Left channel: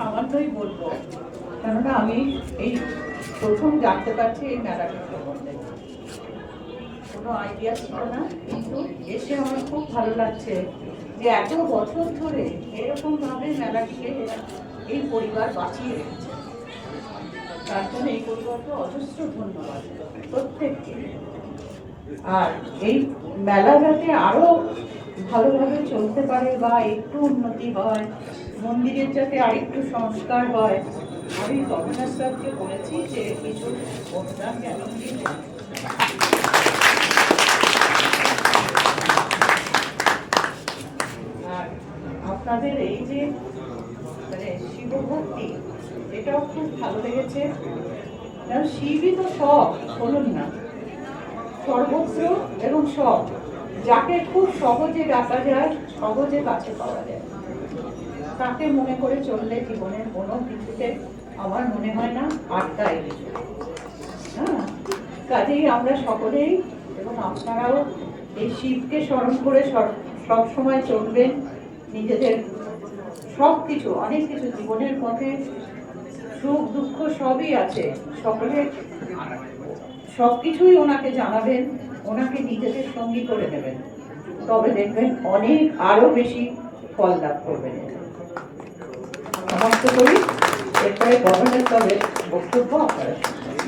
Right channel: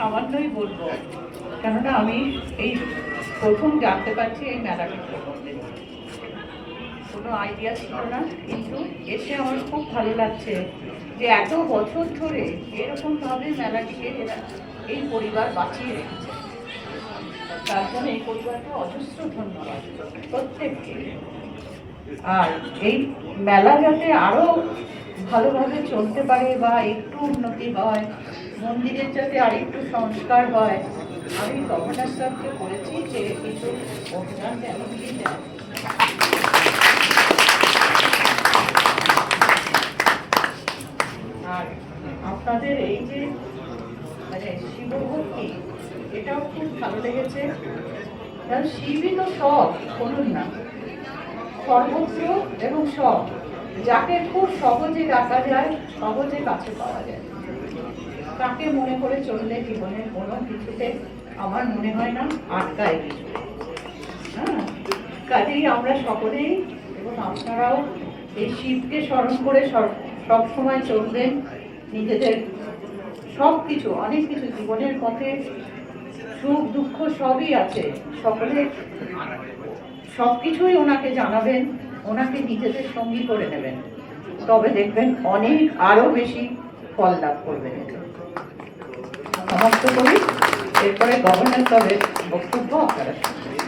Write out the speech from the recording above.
সামান্যই বলবো, কেননা আমি এই প্রথম জানতে পারছি এই মেলাটার সম্বন্ধে। কোনো আইডিয়া ছিল না, কিন্তু এসে আমার খুব ভালো লাগছে যে এত বছর ধরে এরকমভাবে মেলাটিকে এই পরিবার বাঁচিয়ে রেখেছে। তার জন্য এই পরিবারকে অজস্র ধন্যবাদ প্রত্যেককে। আর এই মেলা যাতে আরো ভালোভাবে চলতে পারে বা একটু উন্নতি হয়, মন্দিরের যাতে আরেকটু সংস্কার হয়, আমি গভর্নর স্যারকে বলেছি যে কিছু অভিযান যেন নিয়ে নেন। আর আপনাদের এই যে মানে শিবভক্তি, এটাও খুব ভালো লেগেছে। কারণ শিবই তো সব, বলুন না, সর্বত্র এবং সব, যাকে খুব সহজে ডাকা যায়, সহজে কাছে পাওয়া যায়, তাকে মনে করে চললে জীবনের কোনো কিছুতে আমার মনে হয় না আটকায় কিছু। হ্যাঁ, কাজেই আমরা সকলেই এবং আপনারাও এই শিবকে স্মরণ করে সব সময় চলবেন। নিজেদের সব কিছু, অনেক কিছু জীবনের পথে সুখ দুঃখ সবই আছে, সকলে সবকিছুই ওনাকে জানাবেন, ওনাকে নিজেদের সঙ্গী করে নেবেন, তবে দেখবেন অনেক আরো বেশি ফল লাভ করবেন। সমাপ্ত করি, এরপরে গভর্নর সাহেবের বক্তব্য আপনারা শুনবেন।